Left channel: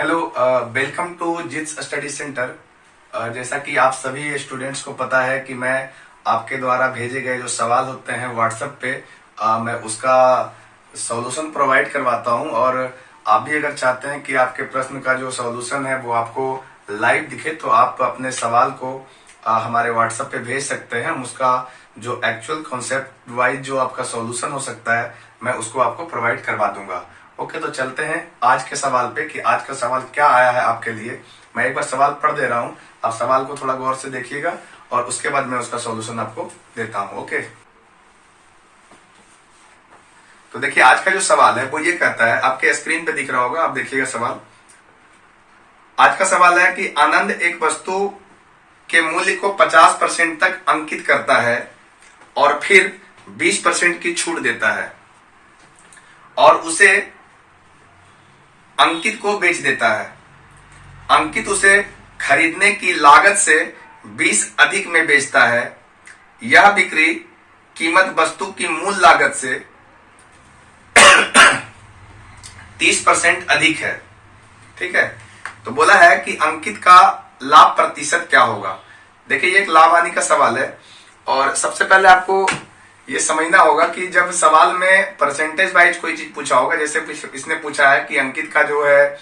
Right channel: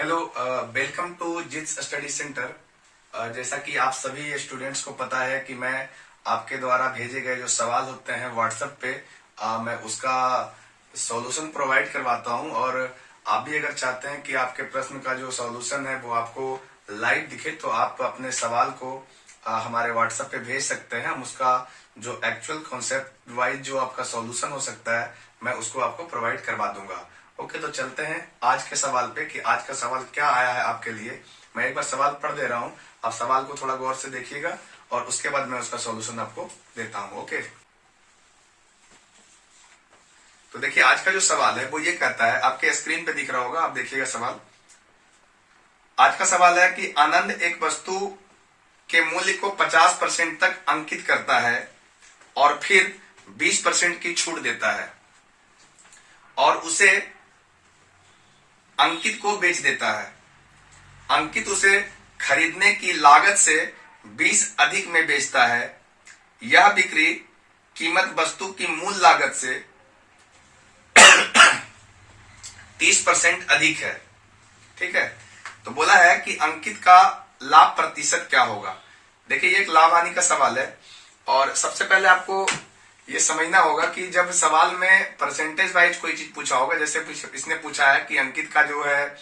Hello, welcome to Jits study centre. जैसा कि आप सभी स्टूडेंट्स को पता है कि मैं आपके द्वारा भेजे गए जो सवाल होते हैं व्हाट्सएप पे, मैं उसका सॉल्यूशन प्रोवाइड करवाता हूं। और आप भी अगर चाहते हैं कि आपके प्रश्न का जो सॉल्यूशन है वो आपको लाइव दिखे तो आप अपने सवाल को हमारे व्हाट्सएप पे भेज सकते हैं। हम उसका जो एक्चुअल कॉन्सेप्ट वाइज जो आपका सॉल्यूशन हो सकता है मैं उसको आपको प्रोवाइड करवा दूंगा। ओके, तो चलते हैं आज के सवाल पे कि आज का सवाल क्या आया है आपके लिए। मैं एक बार सवाल पढ़ दे रहा हूं, आप सवाल को थोड़ा गौर से देखिएगा और उसके बाद मैं उसका सॉल्यूशन आपको देता हूं। ओके, तो देखिए आज का जो सवाल है वो ये कहता है, आपके स्क्रीन पे दिख रहा होगा, आप देखिएगा सवाल। आज का सवाल है कि आनंद एक वस्तु के मूल्य को 50% तक अंकित करता है और फिर 20% की छूट देता है और उसे अंकित को बेच देता है। अंकित उसे खरीदने की लागत से 20 अधिक में बेचता है। यह बिक्री कीमत वस्तु की मूल लागत से 30% अधिक है। ठीक है, तो बोला है कि अंकित का लाभ प्रतिशत क्या होगा। देखिए ये एक लाभ हानि का सवाल है और सबसे पहले आपको ये समझना होगा कि जब सवाल में परसेंटेज वाइज कोई चीज पूछा होगा, जैसे इसने पूछा है कि अंकित का जो है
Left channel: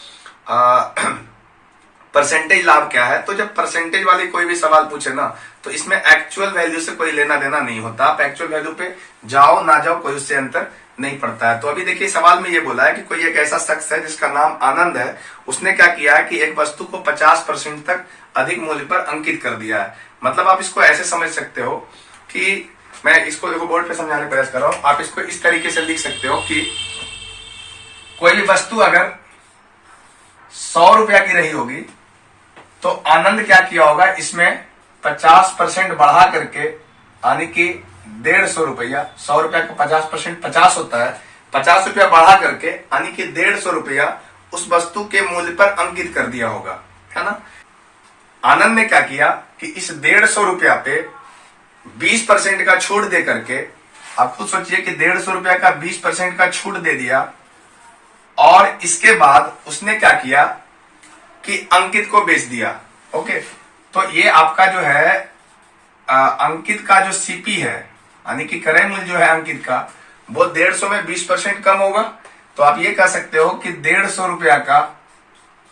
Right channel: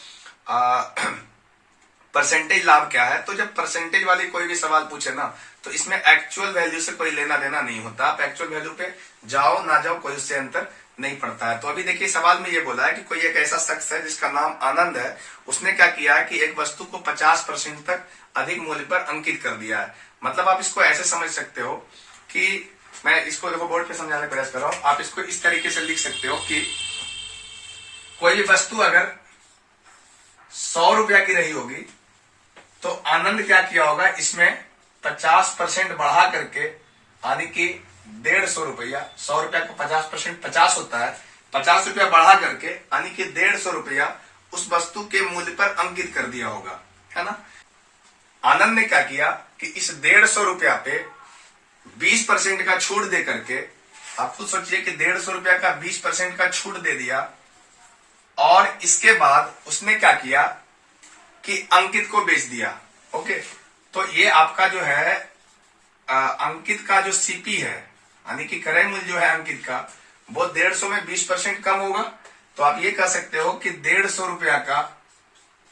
परसेंटेज लाभ क्या है, तो जब परसेंटेज वाली कोई भी सवाल पूछे ना तो इसमें एक्चुअल वैल्यू से कोई लेना देना नहीं होता। आप एक्चुअल वैल्यू पे जाओ ना जाओ कोई उससे अंतर नहीं पड़ता है। तो अभी देखिए सवाल में ये बोला है कि कोई एक ऐसा शख्स है जिसका नाम आनंद है, उसने क्या किया है कि एक वस्तु को 50% तक अधिक मूल्य पर अंकित कर दिया है। मतलब आप इसको ऐसे समझ सकते हो कि मैं इसको देखो बोर्ड पे समझाने का प्रयास कर रहा हूं। आप इसको इस तरीके से लिख सकते हो कि कोई भी वस्तु अगर 100 रुपया की रही होगी तो आनंद क्या किया होगा, इसमें 50% बढ़ा करके यानी कि 150 रुपया, 100 रुपया का 50% 50 होता है, 50 रुपया बढ़ा करके यानी कि 150 रुपया उस वस्तु के मूल्य पर अंकित कर दिया होगा, है ना। आनंद ने क्या किया कि इस 150 रुपया पे 20% का छूट दे करके, आप खुद सोचिए कि 150 रुपया का 20% का छूट दे दिया और इसके बाद उसने क्या किया कि अंकित को बेच दिया। ओके, तो ये आपका जो है अंकित का जो सीपी है यानी कि क्रय मूल्य जो है अंकित का वो 150 में 20% कम होगा। तो आप ये कह सकते हो कि 150 रुपया का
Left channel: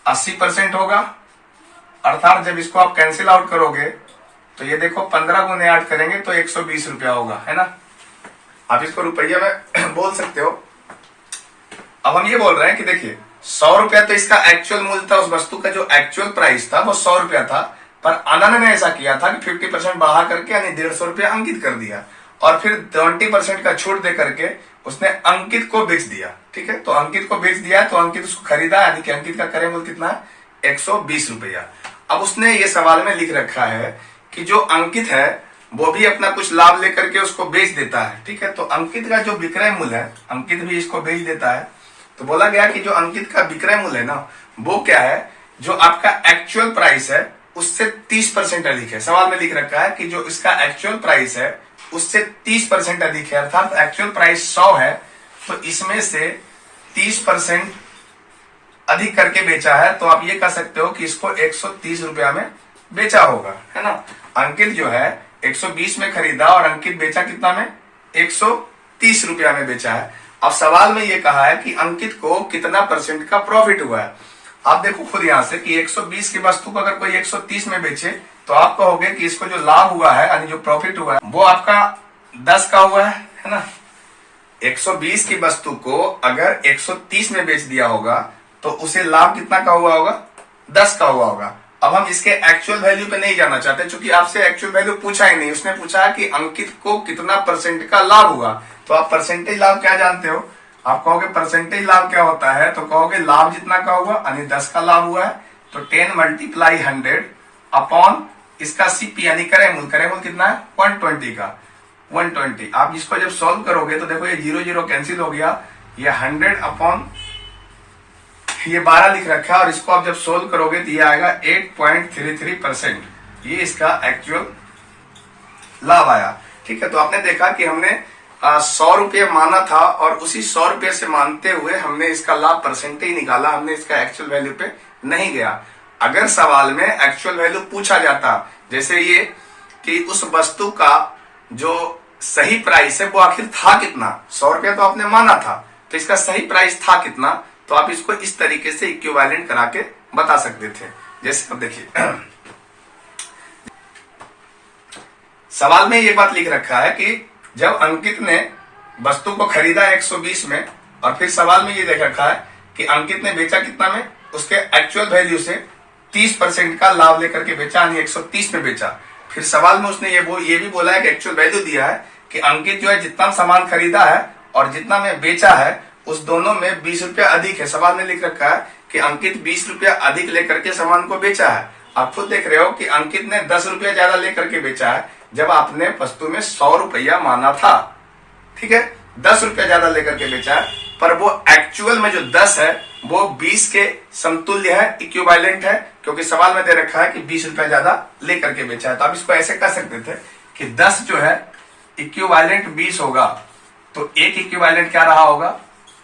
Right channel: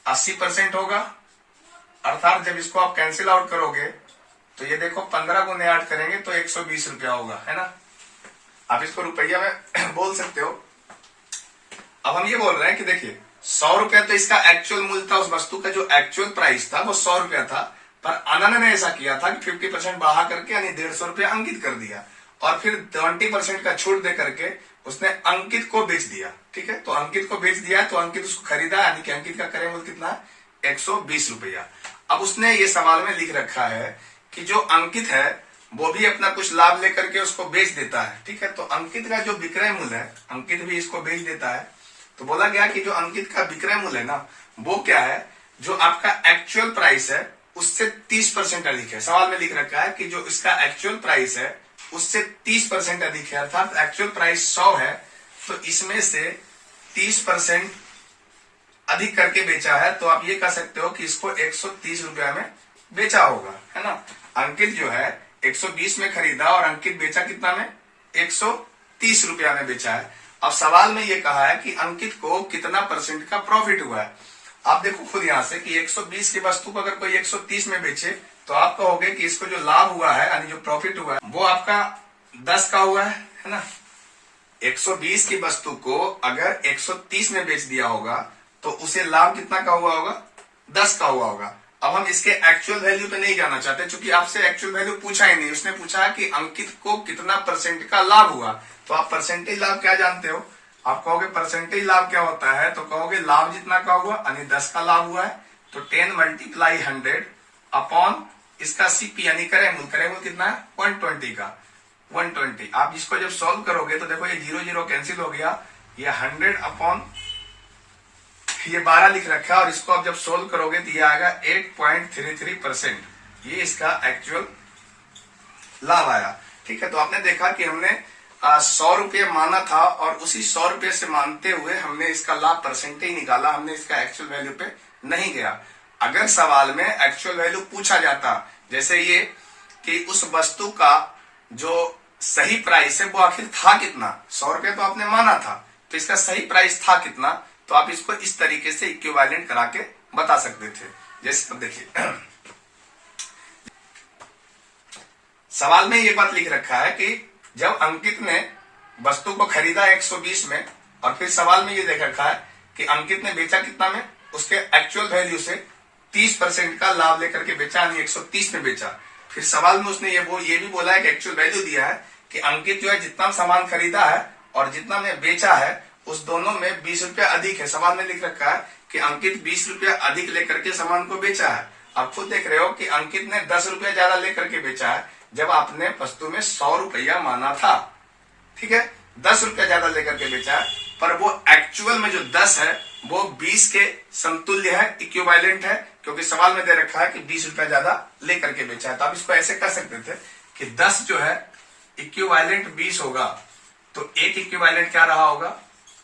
80% होगा। अर्थात जब इसको आप कैंसिल आउट करोगे तो ये देखो 15 गुने 8 करेंगे तो 120 रुपया होगा, है ना। आप इसको रुपया में बोल सकते हो। अब हम ये बोल रहे हैं कि देखिए 100 रुपया तो इसका एक्चुअल मूल्य था, उस वस्तु का जो एक्चुअल प्राइस था वो 100 रुपया था, पर आनंद ने ऐसा किया था कि 50% बढ़ा करके यानी 150 रुपया अंकित कर दिया और फिर 20% का छूट दे करके उसने अंकित को बेच दिया। ठीक है, तो अंकित को बेच दिया है तो अंकित उसको खरीदा यानी कि अंकित का क्रय मूल्य कितना है, 120 रुपया। अब उसने ये सवाल में लिख रखा है कि जो अंकित है वो भी अपना कुछ लाभ लेकर के उसको बेच देता है। ठीक है, तो अंकित का जो विक्रय मूल्य है, अंकित भी इसको बेच देता है। तो बोला गया कि जो अंकित का विक्रय मूल्य है ना वो क्या है, जो आपका एक्चुअल प्राइस है उससे 30% अधिक है। सवाल में लिख रखा है कि जो इसका एक्चुअल प्राइस है उससे 30% अधिक है। अर्थात एक्चुअल प्राइस 100 है तो इसमें से 30% अधिक करके बेचा है। तो आप ये कह सकते हो कि इसको 130 रुपया में बेचा होगा, है ना। अंकित जो है 120 में खरीदा और अंकित बेचा कितना में, 130 रुपया में बेचा है। अब सवाल में ये कहा है कि अंकित को कितना परसेंट का प्रॉफिट हुआ है। आप देखो खुद यहां से कि 120 की वस्तु को अगर कोई 130 में बेचे तो आप कहोगे कि इसको जो लाभ हुआ है यानी जो प्रॉफिट हुआ है वो आपका 10 का हुआ है ना। 120 की वस्तु को अगर 130 में बेच दिया होगा तो उसे लाभ कितना का हुआ होगा, 10 का हुआ होगा। अब हम इसके एक्चुअल वैल्यू पे नहीं जाना चाहते क्योंकि आपसे एक्चुअल वैल्यू पूछा ही नहीं। उसने पूछा कि अंकित को कितना परसेंट का लाभ हुआ। तो आप परसेंटेज लाभ क्या जानते हो, आप कहोगे परसेंटेज लाभ क्या होता है, तो कहोगे लाभ जितना का हुआ यानी 10 का लाभ हुआ है तो 10 मल्टीप्लाई 100 अपॉन इसका सीपी यानी क्रय मूल्य कितना है, 120 का 120। आप इसको जब सॉल्व करोगे तो देखो ये 0 0 कैंसिल हो गया, ये 100 अपॉन ये 12 लिख रखा है और इसको आप जब सोल्व करोगे तो ये आएगा 8.33%। ये इसका एक्चुअल लाभ आया। ठीक है, तो आपने देखा कि हमने 100 रुपये माना था और उसी 100 रुपये से मानते हुए हमने इसका लाभ परसेंटेज निकाला, हमने इसका एक्चुअल वैल्यू पे नहीं गया। अगर सवाल में एक्चुअल वैल्यू पूछा जाता, जैसे ये कि उस वस्तु का जो सही प्राइस है वो आखिर था कितना, 100 रुपया तो आपने माना था, तो इसका सही प्राइस था कितना, तो आप इसको इस तरीके से इक्विवेलेंट करा के बता सकते थे। जैसे अब देखिए सवाल में ये बात लिख रखा है कि जब अंकित ने वस्तु को खरीदा 120 में और फिर सवाल में ये देख रखा है कि अंकित ने बेचा कितना में, उसके एक्चुअल वैल्यू से 30% का लाभ लेकर के बेचा, यानी 130 में बेचा। फिर सवाल में उसने ये भी बोला है कि एक्चुअल वैल्यू दिया है कि अंकित जो है जितना सामान खरीदा है और जितना में बेचा है उस दोनों में 20 रुपया अधिक है। सवाल में लिख रखा है कि अंकित 20 रुपया अधिक लेकर के सामान को बेचा है। आप खुद देख रहे हो कि अंकित ने 10 रुपया ज्यादा लेकर के बेचा है जब आपने वस्तु में 100 रुपया माना था। ठीक है, 10 रुपया ज्यादा लेकर के बेचा है, पर वो एक्चुअल में जो 10 है वो 20 के समतुल्य है, इक्विवेलेंट है, क्योंकि सवाल में दे रखा है कि 20 रुपया ज्यादा लेकर के बेचा है। तो आप इसको ऐसे कर सकते थे कि 10 जो है इक्विवेलेंट 20 होगा, तो एक इक्विवेलेंट क्या रहा होगा,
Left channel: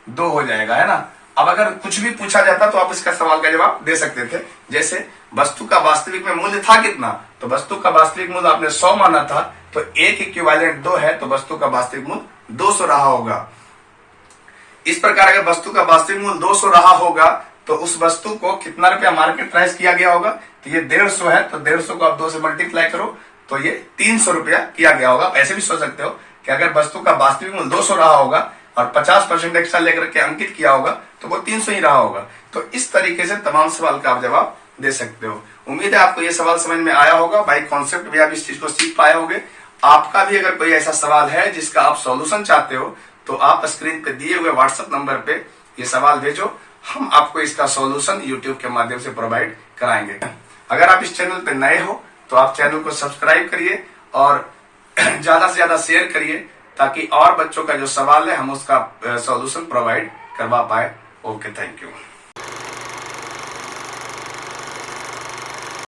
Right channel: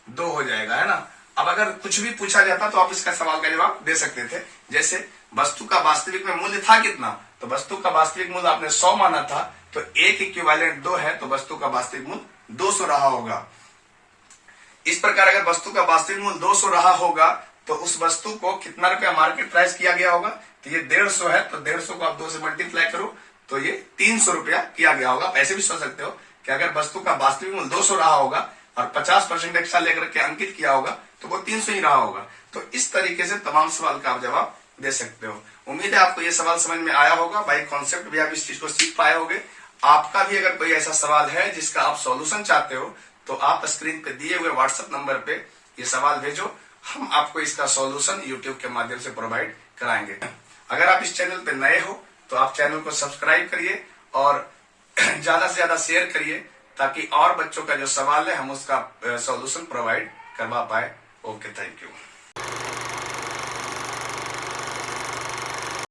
2 हो जाएगा, है ना। अब अगर कुछ भी पूछा जाता तो आप इसका सवाल का जवाब दे सकते थे। जैसे वस्तु का वास्तविक में मूल्य था कितना, तो वस्तु का वास्तविक मूल्य आपने 100 माना था, तो एक इक्विवेलेंट 2 है, तो वस्तु का वास्तविक मूल्य 200 रहा होगा। इस प्रकार अगर वस्तु का वास्तविक मूल्य 200 रहा होगा तो उस वस्तु को कितना रुपया मार्केट प्राइस किया गया होगा, तो ये 150 है, तो 150 को आप 2 से मल्टीप्लाई करो तो ये 300 रुपया किया गया होगा। आप ऐसे भी सोच सकते हो कि अगर वस्तु का वास्तविक मूल्य 200 रहा होगा और 50% एक्स्ट्रा लेकर के अंकित किया होगा तो वो 300 ही रहा होगा। तो इस तरीके से तमाम सवाल का आप जवाब दे सकते हो। उम्मीद है आपको ये सवाल समझ में आया होगा। बाई कॉन्सेप्ट भी आप इस चीज को सीख पाए होंगे। आपका भी अगर कोई ऐसा सवाल है जिसका आप सॉल्यूशन चाहते हो तो आप स्क्रीन पे दिए हुए व्हाट्सएप नंबर पे ये सवाल भेजो, हम आपको इसका सॉल्यूशन यूट्यूब के माध्यम से प्रोवाइड कराएंगे। अगर आप इस चैनल पे नए हो तो आप चैनल को सब्सक्राइब करिए और ज्यादा से ज्यादा शेयर करिए ताकि और बच्चों का जो सवाल है हम उसका सॉल्यूशन प्रोवाइड करवा पाए। Okay, thank you.